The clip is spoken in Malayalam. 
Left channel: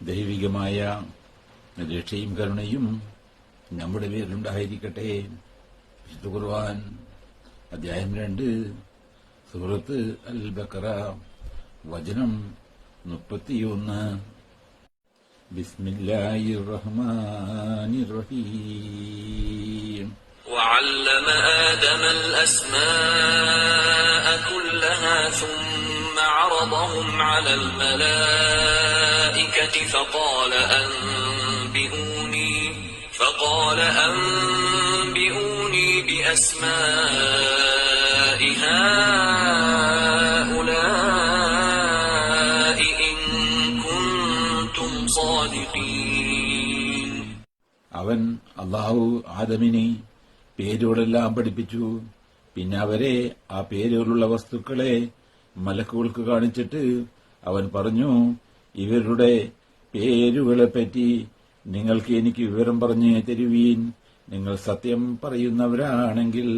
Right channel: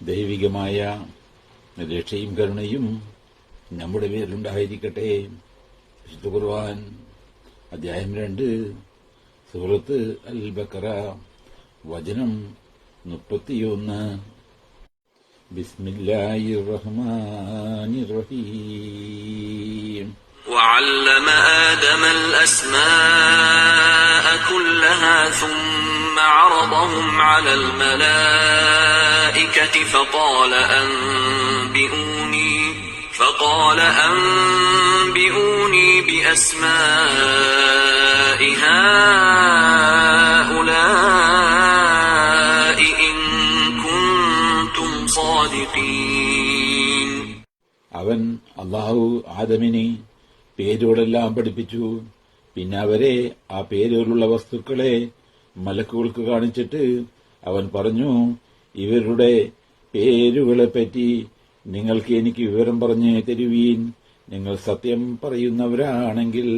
ദൈവികമായ രക്ഷയും കരുണയും നമ്മുടെ പേരിലുണ്ടായിരിക്കട്ടെ. വിശുദ്ധ ഖുർആൻ അധ്യായം 2 സൂറത്ത് അൽ ബഖറ വചനം 31. ബിസ്മില്ലാഹിർ റഹ്മാനിർ റഹീം. وعلم آدم الأسماء كلها ثم عرضهم على الملائكة فقال أنبئوني بأسماء هؤلاء إن كنتم صادقين. അവൻ അല്ലാഹു ആദമിനെ പേരുകളെല്ലാം പഠിപ്പിച്ചു. പിന്നെ അവരെ ആ പേരുകളുള്ള വസ്തുക്കളെ മലക്കുകൾക്ക് കാണിച്ചിട്ട് അവൻ പറഞ്ഞു, ഇവരുടെ പേരുകളെപ്പറ്റി നിങ്ങൾക്ക് എനിക്ക് വിവരം പറഞ്ഞു തരുവീൻ, നിങ്ങൾ സത്യം പറയുന്നവരാണെങ്കിൽ.